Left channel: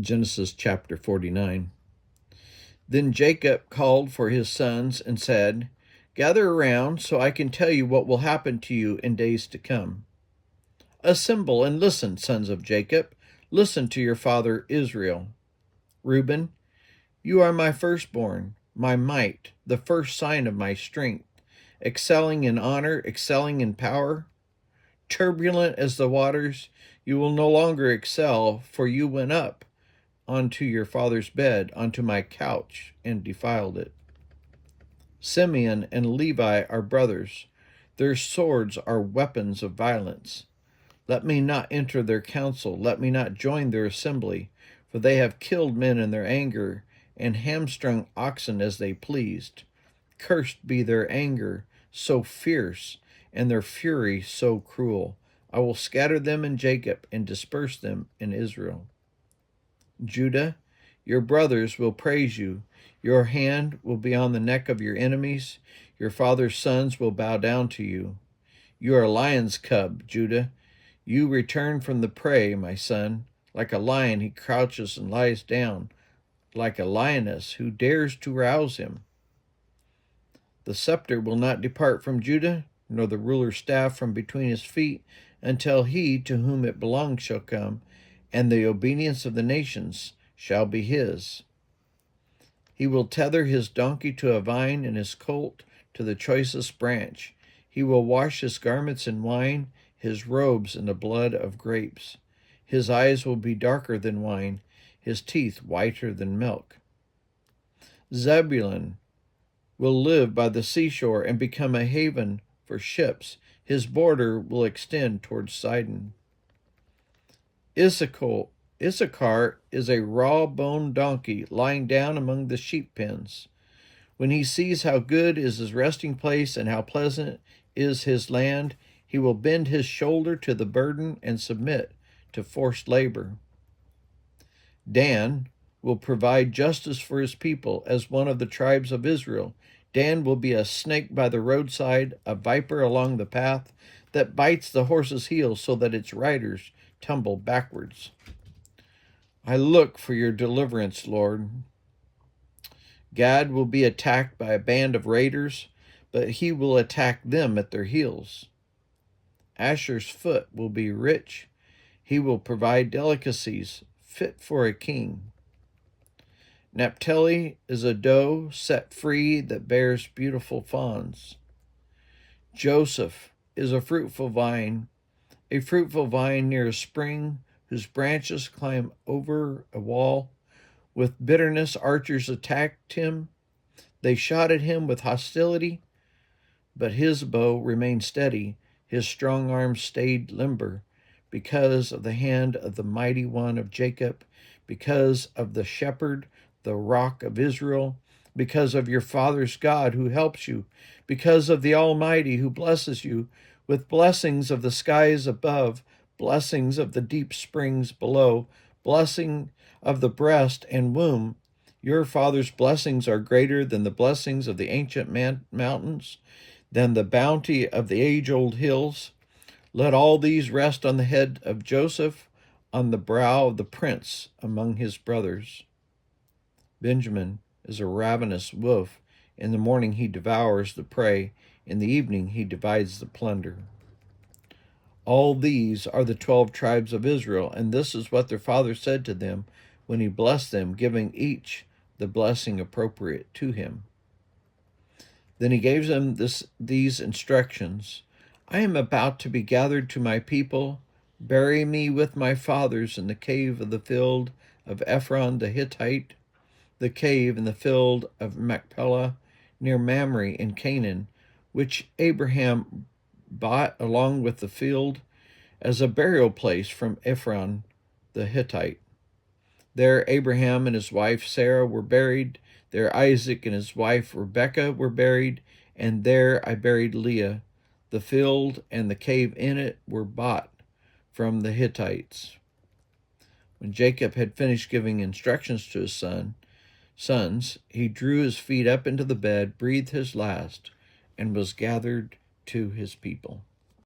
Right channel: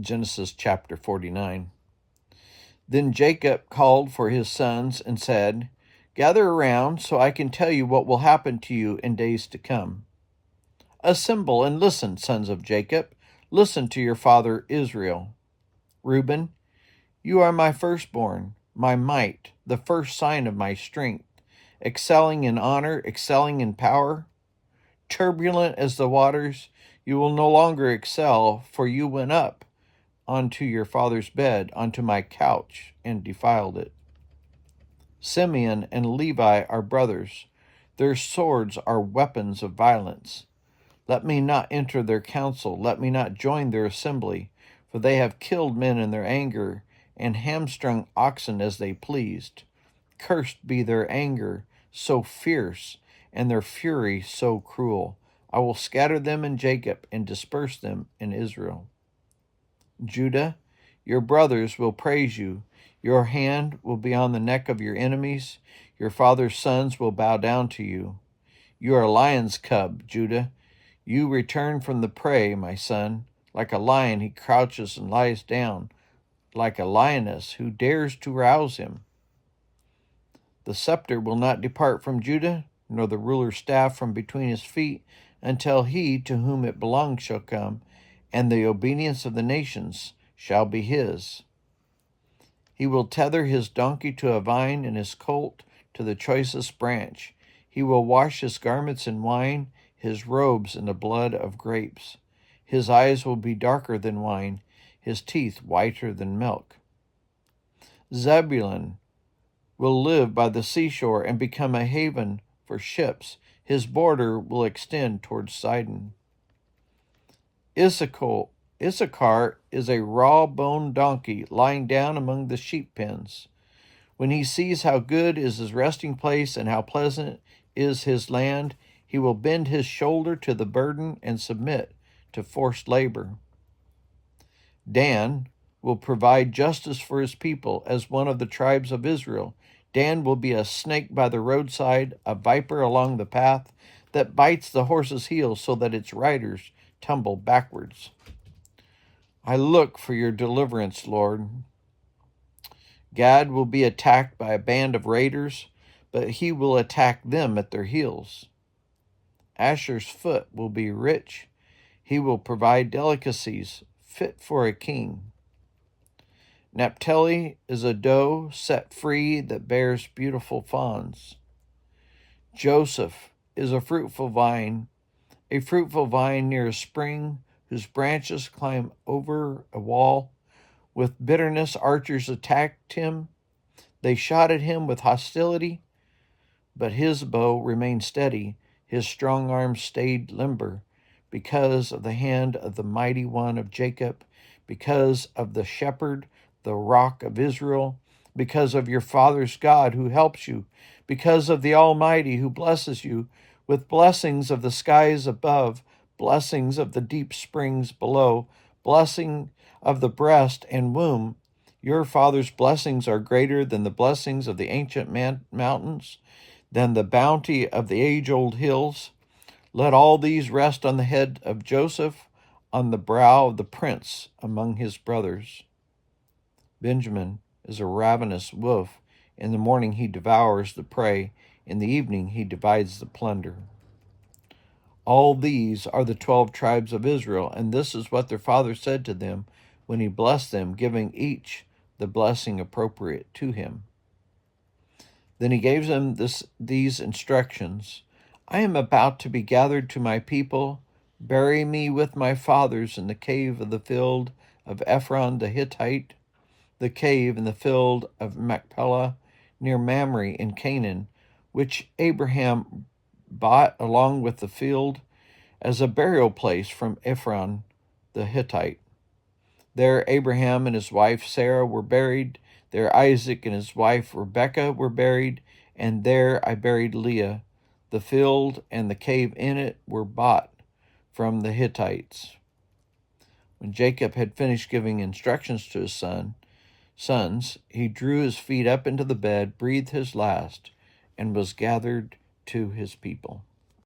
Genesis chapter 49. Then Jacob called for his sons and said, "Gather around so I can tell you what will happen to you in days to come. Assemble and listen, sons of Jacob. Listen to your father Israel. Reuben, you are my firstborn, my might, the first sign of my strength, excelling in honor, excelling in power. Turbulent as the waters, you will no longer excel, for you went up onto your father's bed, onto my couch, and defiled it. Simeon and Levi are brothers. Their swords are weapons of violence. Let me not enter their council. Let me not join their assembly, for they have killed men in their anger and hamstrung oxen as they pleased. Cursed be their anger, so fierce, and their fury so cruel. I will scatter them in Jacob and disperse them in Israel. Judah, your brothers will praise you. Your hand will be on the neck of your enemies. Your father's sons will bow down to you. You are a lion's cub, Judah. You return from the prey, my son. Like a lion, he crouches and lies down, like a lioness who dares to rouse him. The scepter will not depart from Judah, nor the ruler's staff from between his feet, until he to whom it belongs shall come, and the obedience of the nations shall be his. He will tether his donkey to a vine and his colt to the choicest branch. He will wash his garments in wine, his robes in the blood of grapes. His eyes will be darker than wine, his teeth whiter than milk. Zebulun will live by the seashore and become a haven for ships. His border will extend towards Sidon. Issachar is a raw-boned donkey lying down among the sheep pens. When he sees how good is his resting place and how pleasant is his land, he will bend his shoulder to the burden and submit to forced labor. Dan will provide justice for his people as one of the tribes of Israel. Dan will be a snake by the roadside, a viper along the path that bites the horse's heels so that its riders tumble backwards. I look for your deliverance, Lord. Gad will be attacked by a band of raiders, but he will attack them at their heels. Asher's foot will be rich. He will provide delicacies fit for a king. Naphtali is a doe set free that bears beautiful fawns. Joseph is a fruitful vine near a spring whose branches climb over a wall. With bitterness, archers attacked him. They shot at him with hostility, but his bow remained steady. His strong arm stayed limber because of the hand of the mighty one of Jacob, because of the shepherd, the rock of Israel, because of your father's God who helps you, because of the Almighty who blesses you with blessings of the skies above, blessings of the deep springs below, blessing of the breast and womb. Your father's blessings are greater than the blessings of the ancient mountains, than the bounty of the age-old hills. Let all these rest on the head of Joseph, on the brow of the prince among his brothers. Benjamin is a ravenous wolf. In the morning he devours the prey. In the evening he divides the plunder. All these are the 12 tribes of Israel, and this is what their father said to them when he blessed them, giving each the blessing appropriate to him. Then he gave them these instructions. I am about to be gathered to my people. Bury me with my fathers in the cave of the field of Ephron the Hittite, the cave in the field of Machpelah near Mamre in Canaan, which Abraham bought along with the field as a burial place from Ephron the Hittite. There Abraham and his wife Sarah were buried. There Isaac and his wife Rebekah were buried. And there I buried Leah. The field and the cave in it were bought from the Hittites. When Jacob had finished giving instructions to his sons, he drew his feet up into the bed, breathed his last, and was gathered to his people.